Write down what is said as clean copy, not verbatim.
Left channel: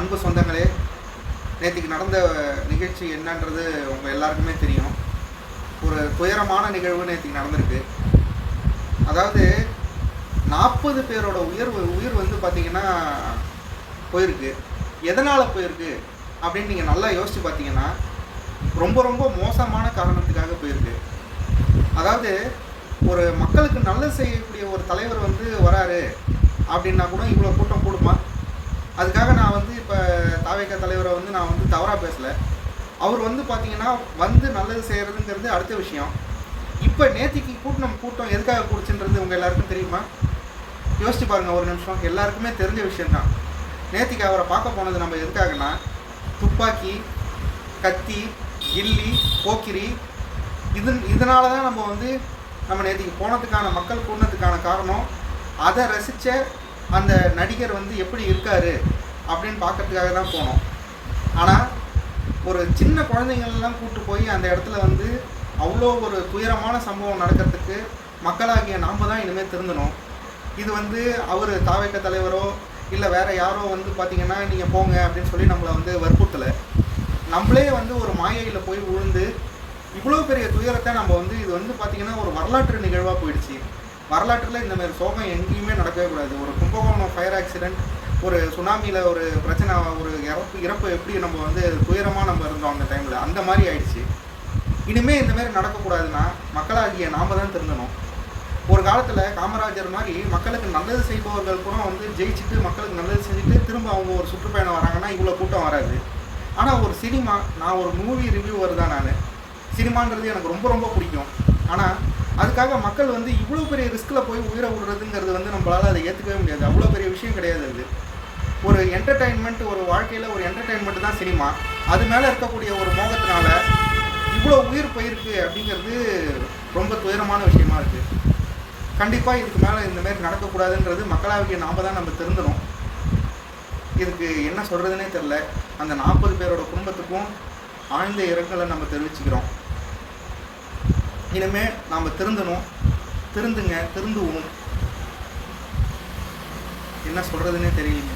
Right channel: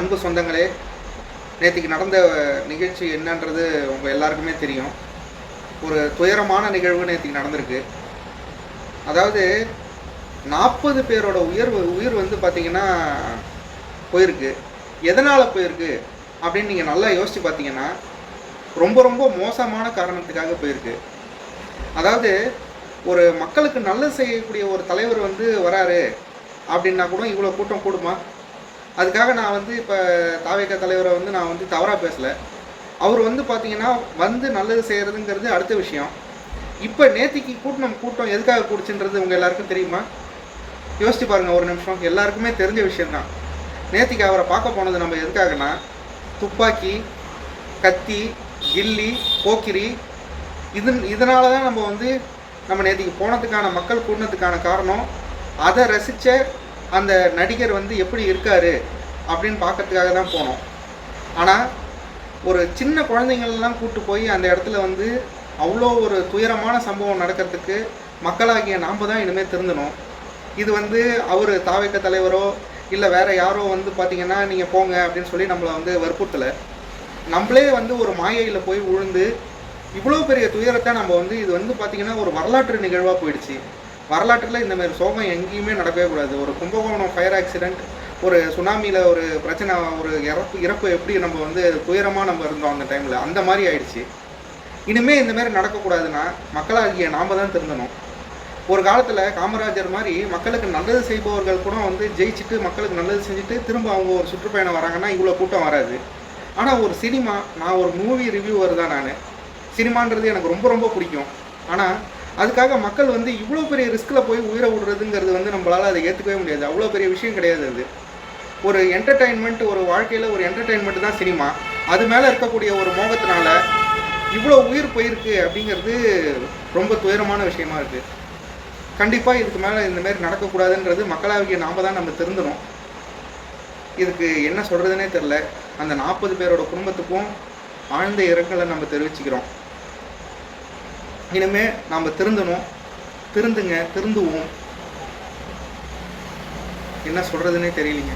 அன்பு சொந்தங்களே, நேத்திக்கு நடந்த நிகழ்ச்சி என்னன்றது உங்கள் எல்லாருக்குமே தெரியும். ஒரு துயரமான நிகழ்வு நேத்திக்கு நடந்திருக்கு. அதாவது 40 பேரோட உயிர் வந்து பார்த்தீங்கன்னா போயிருக்கு. எதனால் போயிருக்கு அப்படின்னு நீங்கள் நல்லா யோசித்து பார்த்தீங்கன்னா, ரொம்ப ரொம்ப மோசமான காரணத்துக்காக போயிருக்கு. அதாவது ஒரு மக்களுக்கு நல்லது செய்யக்கூடிய ஒரு தலைவர் வந்து வராரு அப்படின்னா கூட இவ்வளோ கூட்டம் கூடுமா? அதுக்காக நான் வந்து இப்போ தாவேக தலைவரை வந்து நான் வந்து தவறாக பேசலை. அவர் வந்து பார்த்தீங்கன்னா வந்து நல்லது செய்கிறதுங்கிறது அடுத்த விஷயம். இப்போ நேத்திக்கு கூட்டம் எதுக்காக கூடுச்சுன்றது உங்கள் எல்லாருக்கும் தெரியுமா? யோசிச்சு பாருங்கள் ஒரு நிமிஷம். எல்லாருக்குமே தெரிஞ்ச விஷயந்தான். நேத்திக்கு அவரை பார்க்க போனது நம்ம எதுக்காகனா, துப்பாக்கி, கத்தி, கில்லி, போக்கிரி இதனால தான் நம்ம நேத்திக்கு போனதுக்கான மக்கள் கூடினதுக்கான காரணம், அதை ரசித்த அந்த நடிகர் வந்து எப்படி இருக்கார் அப்படின்னு பார்க்கறதுக்காக தான் போனோம். ஆனால் ஒரு சின்ன குழந்தைங்களெலாம் கூப்பிட்டு போய் அந்த இடத்துல வந்து அவ்வளோ ஒரு துயரமான சம்பவம் நடக்கிறதுக்கு மக்களாகிய நாம் தான் இனிமேல் திருந்தணும். இது வந்து அவர் தாவேக தலைவரோ இல்லை வேறு யாரோ வந்து பார்த்திங்கன்னா நீங்கள் போங்க அப்படின்னு சொல்லி நம்மளை வந்து வற்புறுத்தலை. நம்மளே வந்து ஒரு மாயையில் போய் விழுந்து இவ்வளோ பெரிய துயரத்தை நம்ம வந்து இது வந்து பார்த்திங்கன்னா ஒரு வரலாற்று நிகழ்வாக போயிடுச்சு. வரலாற்றில் இந்தமாதிரி சோகம் எங்கேயுமே நடக்கவே கூடாது. ஒரு கும்பகோணம் ஃபயர் ஆக்சிடெண்ட், ஒரு சுனாமியில் ஒரு பிரச்சனை, ஒரு இறப்பு எப்படி நம்ம வந்து துயரமாக நம்ம இருந்தோம் அந்த டைமில், அந்த மாதிரி ஆயிடுச்சு. இனிமேல் இந்தமாரி நடக்கக்கூடாதுன்னா மக்களாகிய நாம் தான் திருந்தணும். ஒரு காலத்தில் காமராஜர் மாதிரி மக்களுக்கு நல்லது செய்பவர்கள் கூட வந்து ஜெயிச்சுட்டு மக்களுக்கு நல்லது செஞ்சுட்டு திரும்ப அவங்க ஒரு சுற்றுப்பயணம் வராங்கன்னா இவ்வளோ கூட்டம் வராது. ஆனால் ஒரு சினிமா, நான் ஒரு மூவி ரிவ்யூவர் தான். நான் சினிமான்றது எனக்கு ரொம்ப ரொம்ப பிடிக்கும். ஆனால் அதுக்காக மக்கள் வந்து இவ்வளோ பெரிய ரிஸ்கில் போய் உயிரை விடுறதுங்கிறது வந்து நம்மளால் அதை ஏற்றுக்கவே முடியாது. அவ்வளோ பெரிய விஷயம் கிடையாது அது. ஒரு என்டர்டெயின்மெண்ட், ஒரு வாழ்க்கையில் ஒரு என்டர்டெயின்மெண்ட் தான் சினிமா. அது மேலே இருக்கக்கூடிய ஒரு மோகத்தினால இவ்வளோ உயிர் போயிருக்கு அப்படிங்கிறது ரொம்ப துயரமான விஷயமா இருக்குது. கண்டிப்பாக இதுக்கு மேலே இந்தமாரி நடக்கக்கூடாதுன்றது மக்களாகிய நாம் தான் நம்ம திருந்தணும். இதுக்கு என்ன சொல்கிறதுனே தெரில. அந்த 40 பேரோட குடும்பத்துக்கும் ஆழ்ந்த இரங்கலை நம்ம தெரிவிச்சுக்கிறோம். இனிமேல் நாம் திருந்தணும். திருந்துவோம். என்ன சொல்கிறதுனே தெரியலிங்க.